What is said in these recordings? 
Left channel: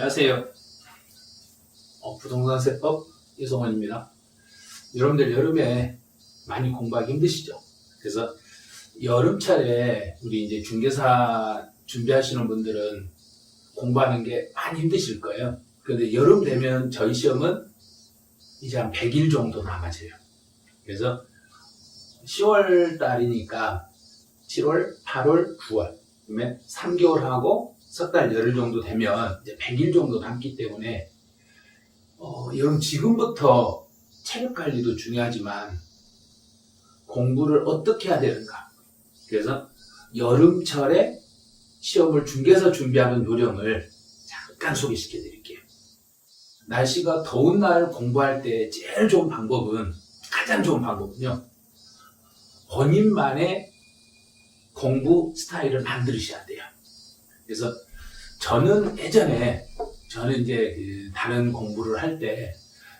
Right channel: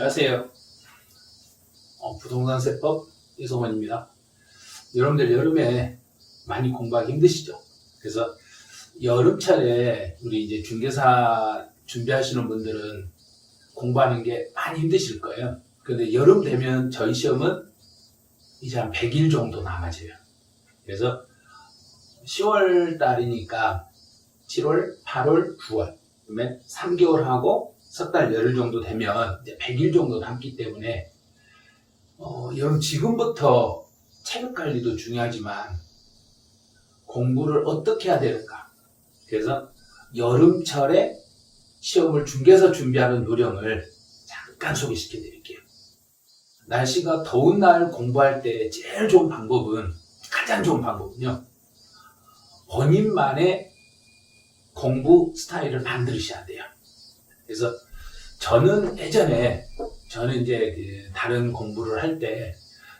안녕하세요. 부동산 세법 이성원입니다. 여러분들 여름에 많이 공부하기 힘드시죠? 그래서 여름철에 우리 이제 중개사 준비하시는 분들은 공부하는 게 많이 힘드실 거예요. 그런데 여름 되면 저희 시험은 이제 한 100일 정도 남아져요. 그래서 10월 달이니까 7월, 8월, 9월 그러면 3개월 하고 석 달 열흘 정도 되면 이제 100일 정도 남기 때문에 여러분 지금부터 체력 관리도 중요하지만 공부를 어떻게 해야 되는가. 그래서 여름철에 시험을 중개사 준비하는 요령을 잠깐 소개시켜 드릴게요. 날씨가 더운 날 공부할 때 제일 좋은 방법은, 가장 좋은 방법은요, 본인만의 공부 스타일을 만드셔야 돼요. 그래서 저는 예전에 이제 다른 공부를 할 때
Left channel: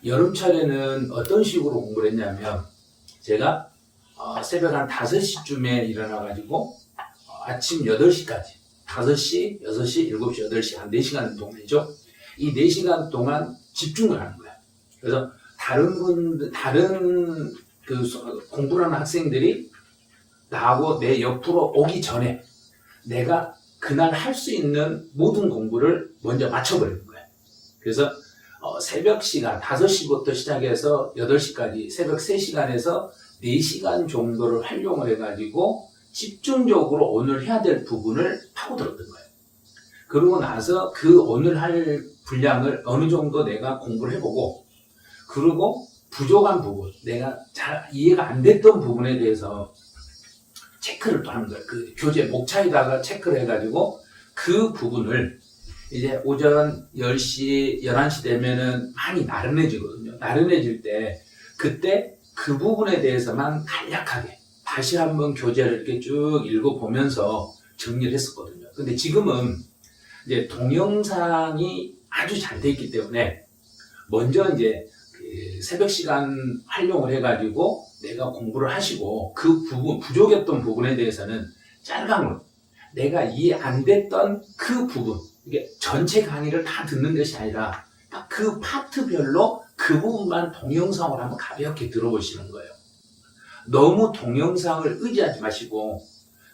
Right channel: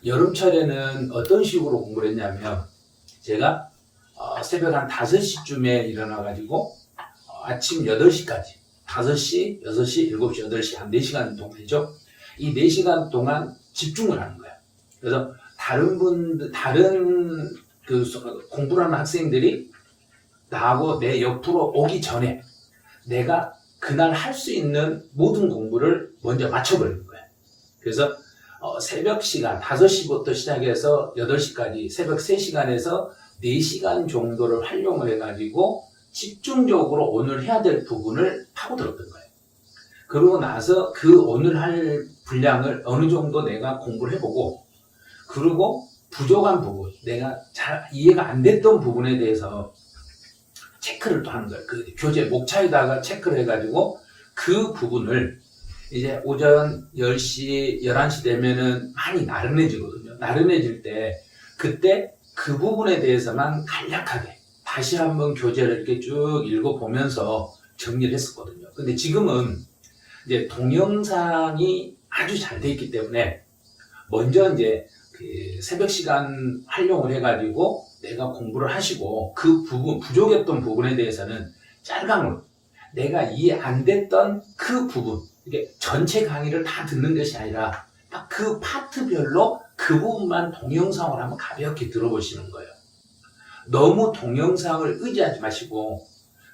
여름철에는 어떤 식으로 공부를 했냐면, 제가 새벽 한 5시쯤에 일어나가지고 아침 8시까지 5시, 6시, 7시, 8시 한 4시간 동안이죠. 이 4시간 동안 집중을 하는 거예요. 그래서 다른 공부를 하는 학생들이 나하고 내 옆으로 오기 전에 내가 그날 할 수 있는 모든 공부를 먼저 맞춰버리는 거예요. 그래서 새벽 시간 5시부터 시작해서 8시까지 새벽 3시간에서 4시간 정도를 활용을 해가지고 집중적으로 오늘 해야 될 부분을 파고들었던 거예요. 그러고 나서 그 오늘 할 분량을 어느 정도 내가 공부를 해보고, 그리고 부족한 부분, 내가 잘 이해가 안 됐던 부분에 대해서 체크를 또 하는 거예요. 그 교재 목차에다가 체크를 해가지고 그 부분을 이제 오전 10시, 11시 되면은 많이 나른해지거든요. 나른해질 때 그때 그 부분에 대해서만 간략하게 다시 한번 교재를 이렇게 쭉 읽어보면서 정리를 했었거든요. 근데 지금은 이제 동영상이 아주 잘 돼 있기 때문에 먼저 이제 그 새벽 시간 활용을 해가지고 내가 공부를 하시고, 그 부분, 부족했던 부분에 대해서는 짤강으로 내가 이해 안 됐던 그 부분, 이게 전체 강의를 다 듣는 것이 아니라 딱 그 파트별로 그 부분만 동영상으로 한번 가볍게 들어보시는 거예요. 너무 동영상을 의지하지 마시고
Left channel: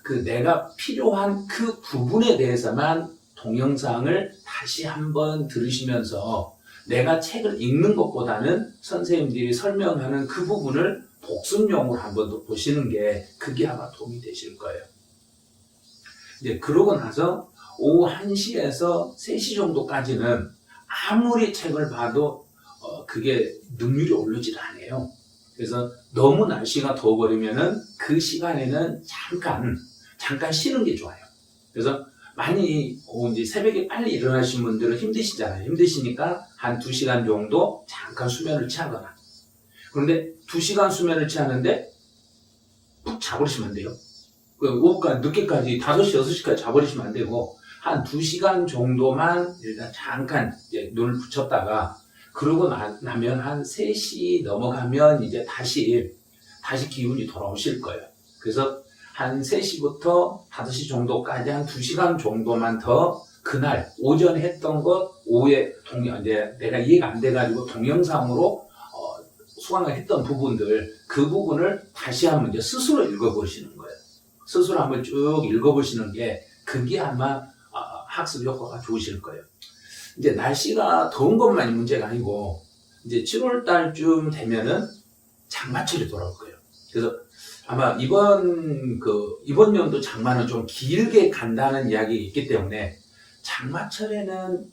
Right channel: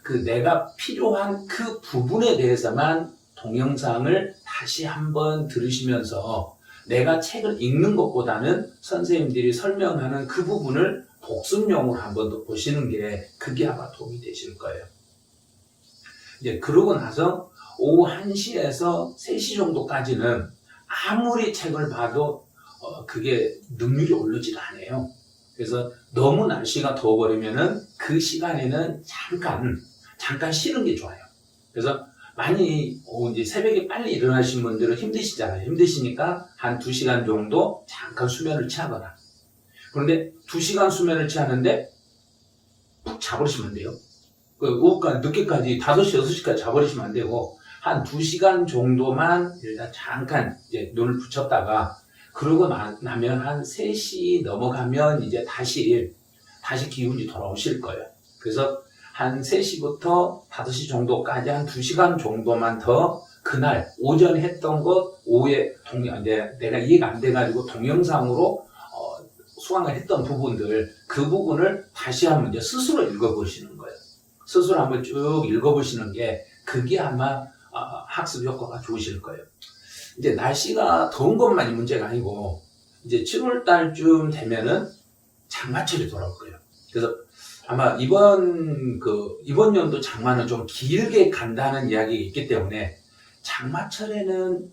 그 내가 필요한 그 부분에 대해서만 동영상을 다시 한번 들으시면서, 내가 책을 읽는 것보다는 선생님들이 설명하는 그 부분을 복습용으로 한 번 더 보시는 게, 그게 아마 도움이 되실 거예요. 이제 그러고 나서 오후 1시에서 3시 정도까지는 아무리 책을 봐도 그게 능률이 오르질 않아요. 그래서 너무 날씨가 더워버리면은 그 시간에는 잠깐 쉬는 게 좋아요. 그래서 많이 이제 새벽에 빨리 일어나신 분들은 힘드시잖아요. 힘드시니까 한 2시간 정도 잠깐 수면을 취하거나, 그런데 2시간 수면을 취하는데 푹 자버리시면 안 돼요. 오후까지 늦게까지 5시, 6시까지 자버리시면 안 되고, 한 2시간 정도만 일단 잠깐 이제 눈을 붙였다가, 그러고 나면 한 3시 넘어가면 이제 다시 기운이 돌아오실 거예요. 그래서 한 3시부터 5시 정도까지 한 2시간 정도만 더 그날 오전에 했던 것, 오후에 내가 이해가 안 돼가지고 동영상으로 수강을 했던 부분들, 그 부분을 다시 한번 이제 스스로 읽어보시는 거예요. 스스로 한번 쭉 읽어보시는 게, 그게 아마 학습 효과가 좋으실 거예요. 이제 날씨가 더운 것만이 문제가 아니고, 이제 7월 달쯤 되면은 장마철이 돌아올 거예요. 그래서 아마 이번 연도 장마는 좀 길게 간다는 이야기가 있기 때문에, 장마철에는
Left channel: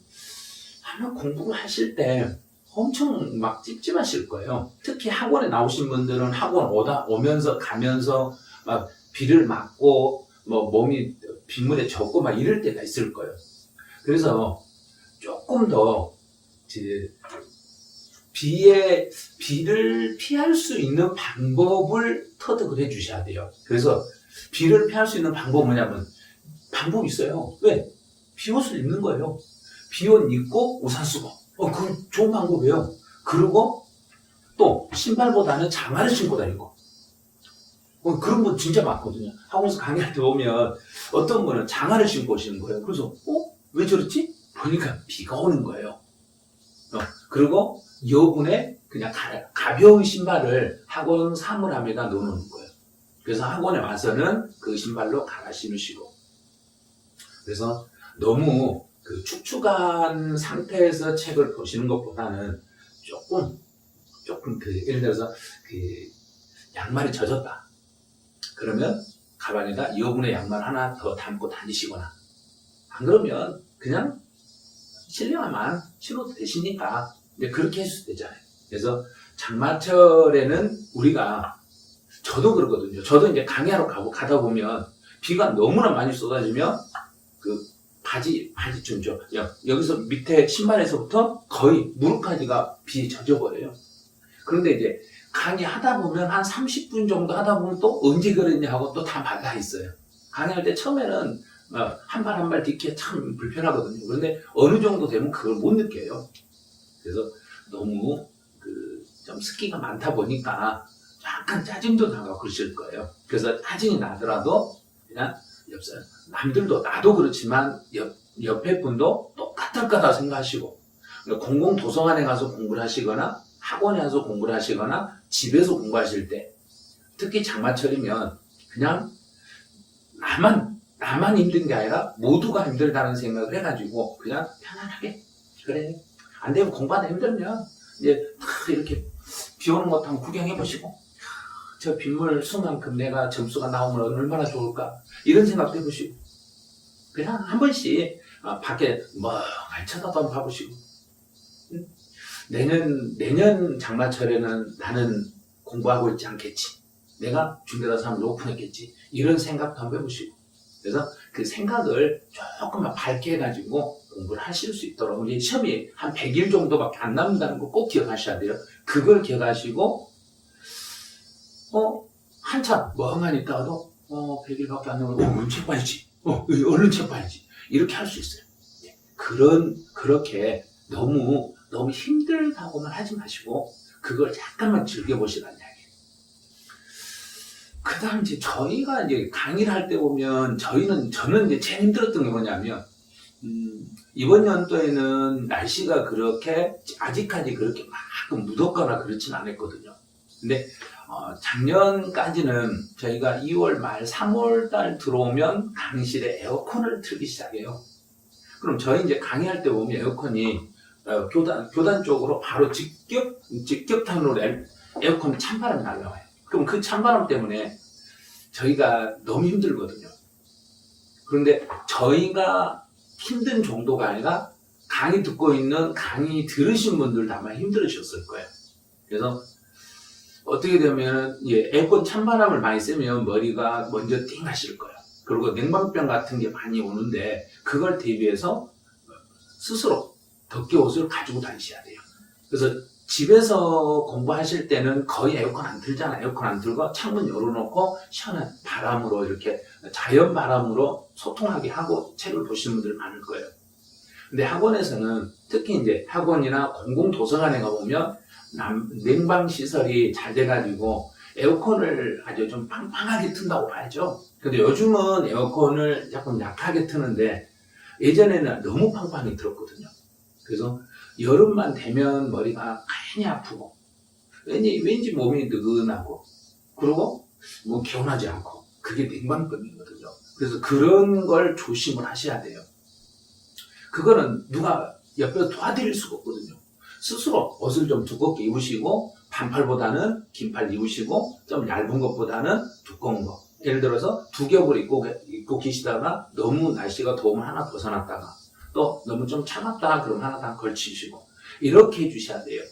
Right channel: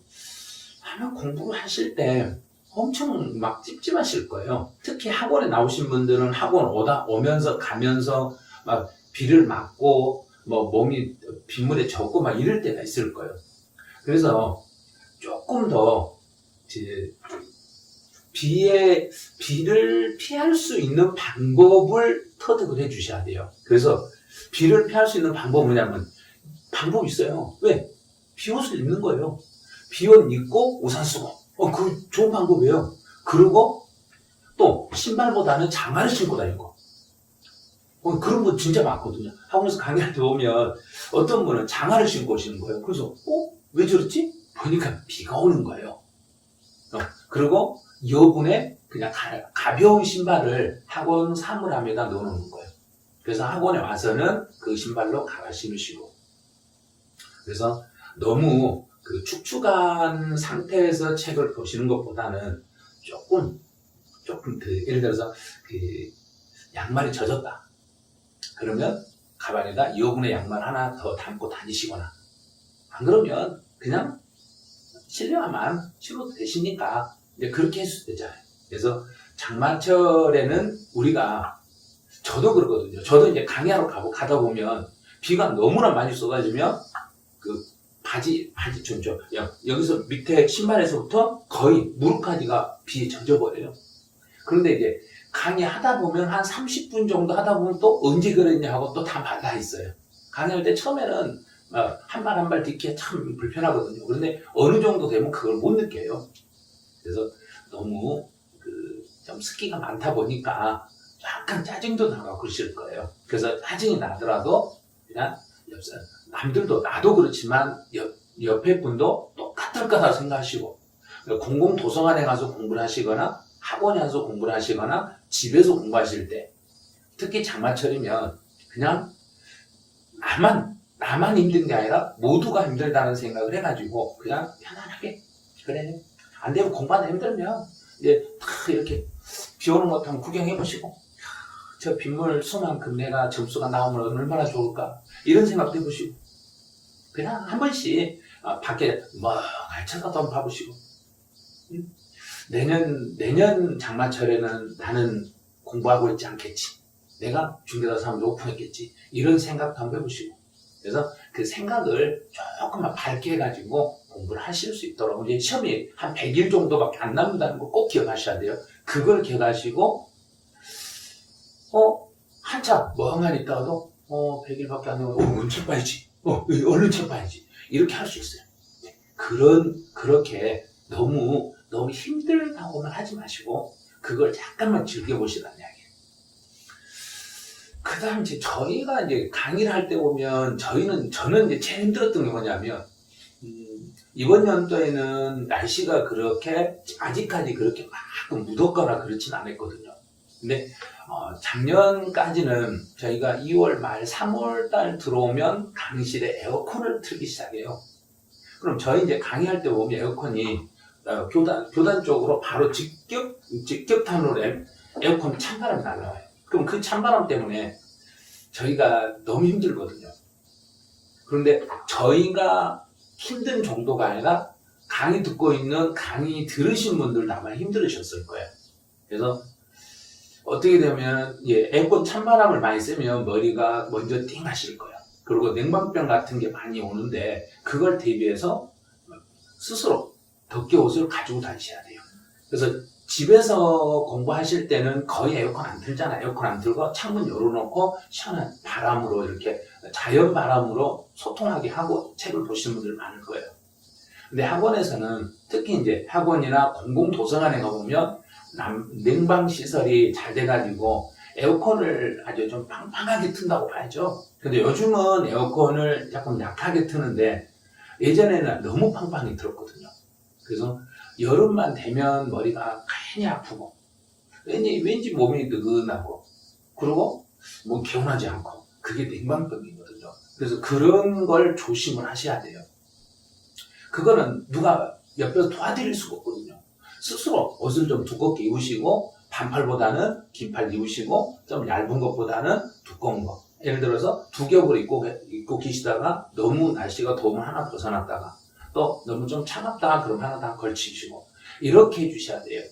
아마 공부를 하실 때 엄청 막 찝찝하실 거예요. 특히 학원에 나오신 분들은 학원 오면서 가면서 막 비를 맞고 뭐 몸이 빗물에 젖고 막 이럴 때가 있을 거예요. 그래서 조금 더 비를 피할 수 있는 방법을 터득을 해 주셔야 돼요. 그래서 비를 피할 수 있는 방법은 뭐냐면, 방법이 있어요. 왜? 비옷을 입는 거예요. 비옷 입고 우산 쓰고. 그 좋은 방법이에요. 그리고 또 신발보다는 장화를 신고 다니는 거. 그런 분 진짜 많거든요. 학원에서 강의할 때 보면 어떤 분은 장화를 신고 오시는 거예요. 그래서 왜 저랬지? 보니까 비가 오는 거예요. 그리고 여분에 그냥 가벼운 신발을 학원 사물함에다 넣어놓는 거예요. 그래서 학원에 와서는 그 신발로 갈아 신으시고. 그래서 너무 그 축축한 상태에서 책을 보시는 것보다는 조금 예를 들어서 그 양말이 젖었다. 그러면 가방에다 여분의 양말 하나 더 담고 다니시거나, 안 그러면 그냥 실내화만 신어도 되시니까 이제 그렇게 해도 되잖아요. 그래서 장마철에는 우리가, 저도 그러거든요. 저도 이제 강의하러 가다 보면 비가 너무나 많이 쏟아지면 그 바지촌 여기서 밑에 신발에서부터 거의 무릎까지가 비에 젖어버려요. 그런데 이제 강의하다 보면 한 30분 정도 하다 보면 또 언제 그랬냐 하고 또 다 말라 있어요. 강의할 때 처음에는 한 발 한 발 딛기가 참 불편하거든요. 그런데 어느 정도 되면 그걸 못 느껴요. 그래서 너무 좀 습기가 많다 보니까 약간 짜증도 나고 그러실 거예요. 그래서 짜증이 나더라도 그냥 남들도, 나도 그렇지만 옆에 분도 똑같을 거다 생각하시고, 공공도서관에 가서 공부를 하시거나 학원에 가서 공부를 하시거나 집에서 공부하실 때, 특히 장마철이면 그냥 나만 힘든 게 아니라 모두가 힘들다는 생각을 해가지고 그냥 편안하게, 그래 안 되면 공부하다 힘들면 이제 다 이렇게 비 오는 것도 한번 구경해보시고, 저 빗물 수만큼 내가 점수가 나오면 얼마나 좋을까, 이런 생각도 해보시고, 그냥 한 번씩 밖에 멍하니 쳐다도 한번 봐보시고, 내년 장마철에는 나는 공부하고 있지 않겠지, 내가 중대가서 한번 오픈했겠지, 이런 생각도 한번 해보시고, 그래서 그 생각을 조금만 밝게 해가지고 공부를 하실 수 있도록, 이제 시험이 한 100일 정도밖에 안 남는다는 거 꼭 기억하셔야 돼요. 그걸 기억하시고, 한참 멍하니 있다가도 100일밖에 안 되면 책 봐야지, 얼른 책 봐야지, 이렇게 할 수 있어요. 그렇게 너무 힘들다고만 하지 마시고 그걸 잠깐만 즐겨보시라는 이야기예요. 그 다음 이제 저희가 이제 강의를 할 때 보면 저는 이제 제일 힘들었던 게 뭐냐면, 이번 연도에는 날씨가 그렇게 아직까지 그렇게 막 무덥거나 그렇진 않았거든요. 근데 작년까지는 저희가 2월 말 3월 달 들어오면 강의실에 에어컨을 틀기 시작해요. 그럼 저희 이제 강의할 때 보면 에어컨이 교단 쪽으로 바로 직격탄으로 에어컨 찬바람이 날라와요. 그럼 그 찬바람 때문에 저희가 너무 힘들거든요. 그런데 저희가 힘든 정도가 아니라 강의 듣고 있는, 강의 들으신 분들도 아마 힘들으셨을 거예요. 그래서 어떻게 되면 에어컨 찬바람을 많이 쐬면 머리가 먼저 띵 하실 거예요. 그리고 냉방병 같은 게 많이 오는데, 그걸 대비해서 스스로 덮개 옷을 가지고 다니셔야 돼요. 그래서 집에서 공부하실 때는 거의 에어컨 안 틀잖아요. 에어컨 안 틀고 창문 열어놓고 시원한 바람으로, 이렇게 자연 바람으로 소통하게 하고 책을 보시는 분들 많을 거예요. 근데 학원에서는, 특히 이제 학원이나 공공도서관에 가보면 냉방 시설이 잘 돼가지고 에어컨을 아주 좀 빵빵하게 튼다고 봐야죠. 근데 요즘은 에어컨을 조금 약하게 트는데 예전에는 너무 빵빵히 틀었거든요. 그래서 여름만 되면 머리가 괜히 아프고, 왠지 몸이 느긋하고, 그리고 뭐 개운하지 않고, 그게 냉방병이거든요. 그래서 그런 걸 조심을 하셔야 돼요. 그거는 누가 옆에서 도와드릴 수가 없거든요. 스스로 옷을 좀 두껍게 입으시고, 반팔보다는 긴팔 입으시고, 좀 얇은 것보다는 두꺼운 거, 예를 들어서 두 겹을 입고 계시다가 너무 날씨가 더우면 하나 벗어났다가, 또 너무 좀 차갑다 그럼 하나 다 걸치시고, 이렇게 해주셔야 돼요.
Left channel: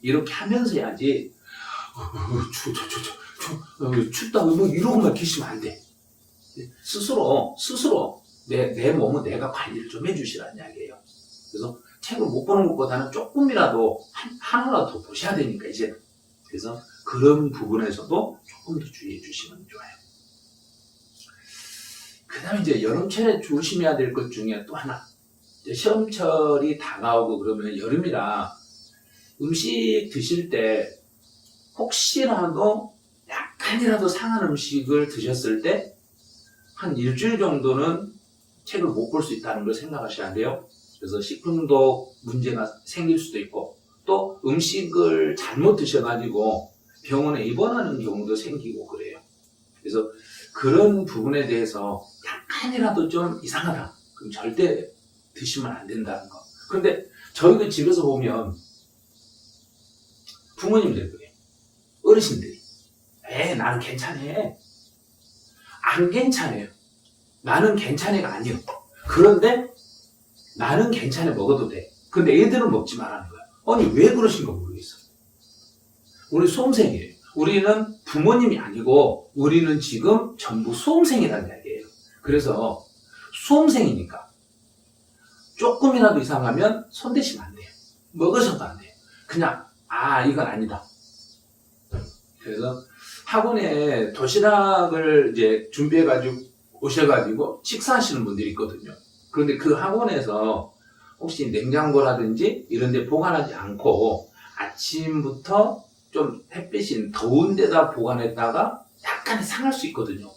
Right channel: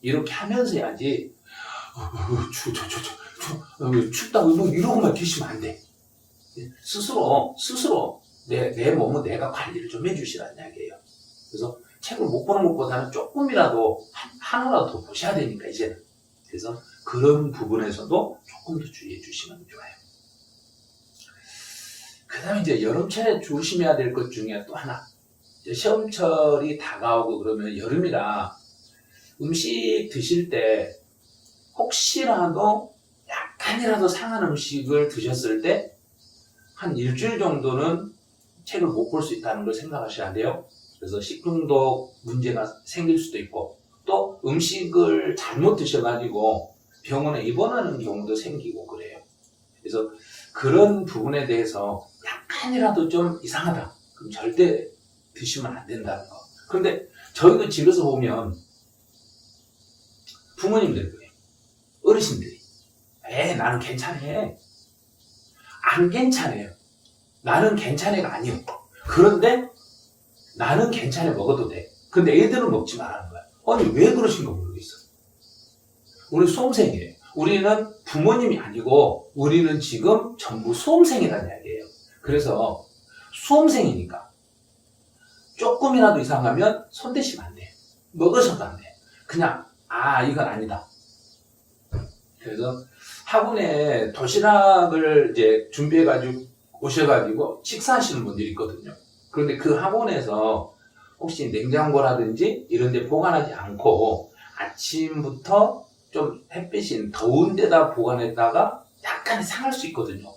이렇게 하면서 해야지 춥다고 뭐 이러고만 계시면 안 돼. 스스로 내 몸은 내가 관리를 좀 해주시라는 이야기예요. 그래서 책을 못 보는 것보다는 조금이라도 하나라도 더 보셔야 되니까 이제. 그래서 그런 부분에서도 조금 더 주의해 주시면 좋아요. 그 다음에 이제 여름철에 조심해야 될 것 중에 또 하나, 시험철이 다가오고 그러면 여름이라 음식 드실 때 혹시라도 약간이라도 상한 음식을 드셨을 때 한 일주일 정도는 책을 못 볼 수 있다는 걸 생각하셔야 돼요. 그래서 식중독 문제가 생길 수도 있고 또 음식을 잘못 드셔가지고 병원에 입원하는 경우도 생기고 그래요. 그래서 그런 부분에 대해서 약간이라도 좀 이상하다. 그럼 절대 드시면 안 된다는 거. 그런데 저희도 집에서 보면 부모님들 그래요. 어르신들이 나는 괜찮아. 안 괜찮아요. 나는 괜찮아가 아니요. 그런데 나는 괜찮아 먹어도 돼. 근데 애들은 먹지 말라는 거야. 아니 왜 그러신가 모르겠어. 우리 수험생이에요. 우리는 부모님이 아니고 우리는 지금 전부 수험생이라는 이야기예요. 그래서 수험생이니까 조금이라도 이상하면 손대시면 안 돼요. 먹으셔도 안 돼요. 그냥 이건 아니다. 그래서 학원에 도시락을 이제 준비해가지고 오셔가지고 식사하시는 분들이 있거든요. 그런데 그 학원에서 혹시 냉장고라든지 이런 데 보관하지 않고 아침부터 좀 햇빛이 더운 데다 보관했다가 약간 상할 수 있거든요.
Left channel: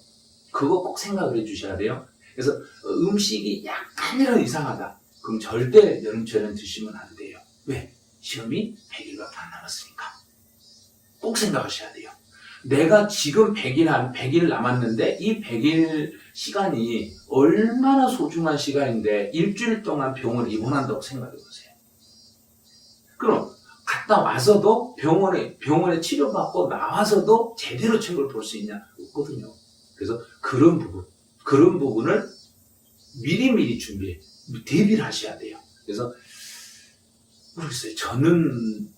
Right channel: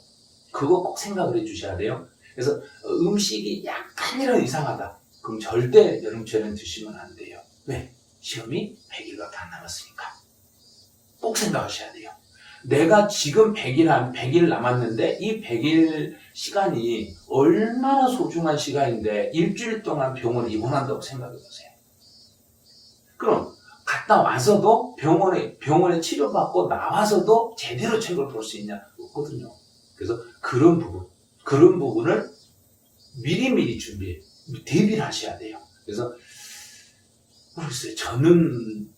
그거 꼭 생각을 해 주셔야 돼요. 그래서 음식이 약간이라도 이상하다. 그럼 절대 여름철에는 드시면 안 돼요. 왜? 시험이 100일밖에 안 남았으니까. 꼭 생각하셔야 돼요. 내가 지금 100일 남았는데 이 100일 시간이 얼마나 소중한 시간인데 일주일 동안 병원에 입원한다고 생각해 보세요. 그럼 갔다 와서도 병원에 치료받고 나와서도 제대로 책을 볼 수 있냐? 없거든요. 그래서 그런 부분을 미리미리 대비를 하셔야 돼요. 그래서 모르겠어요. 저는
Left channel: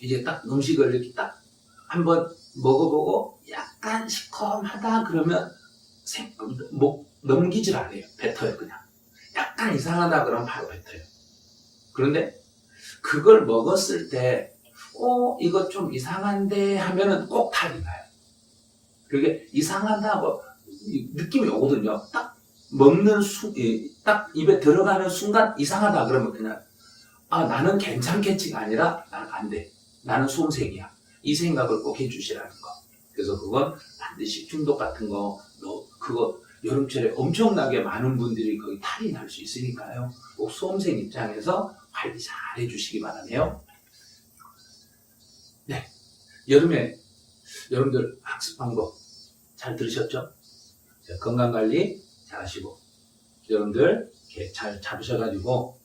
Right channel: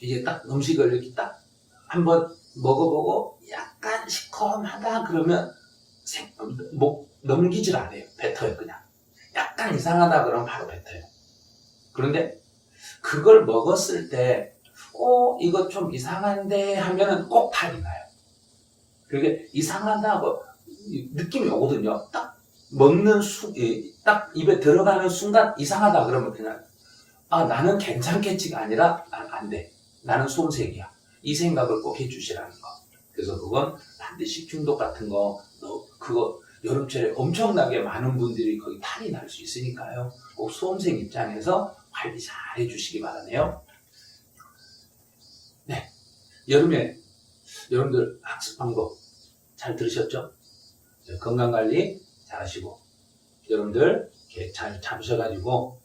이제 딱 음식을 이렇게 딱 한번 먹어보고 약간 시커하다 그러면 넘기질 않아요. 뱉어요 그냥. 약간 이상하다 그러면 바로 뱉어요. 그런데 그걸 먹었을 때 이거 좀 이상한데 하면은 꼭 탈이 나요. 그게 이상하다고 느낌이 오거든요. 딱 딱 입에 들어가는 순간 이상하다 그러면 그냥 나는 괜찮겠지가 아니라 나는 안 돼. 나는 수험생이야. 이 생각을 꼭 해주시라는 거. 그래서 그건 반드시 식중독 같은 거, 그거 여름철에 엄청나게 많은 분들이 거기 탈이 날 수 있으니까요. 꼭 수험생 입장에서 관리 잘 해주시기 바라네요. 네, 여름에 여러분들 학습 방법 잘 들으셨죠? 건강관리 잘 하시고 여러분들 이렇게 잘 잡으셔가지고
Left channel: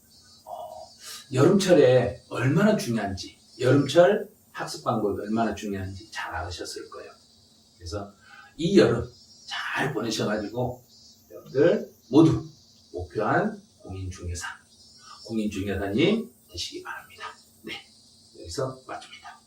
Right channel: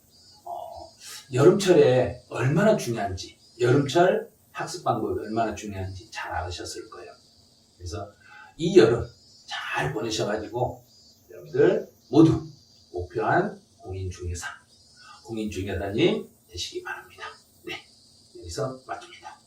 여름철에 얼마나 중요한지 여름철 학습 방법이 얼마나 중요한지 잘 알으셨을 거예요. 그래서 이 여름 잘 보내셔가지고 여러분들 모두 목표한 공인중개사님 되시기 바랍니다. 네, 여기서 마칩니다.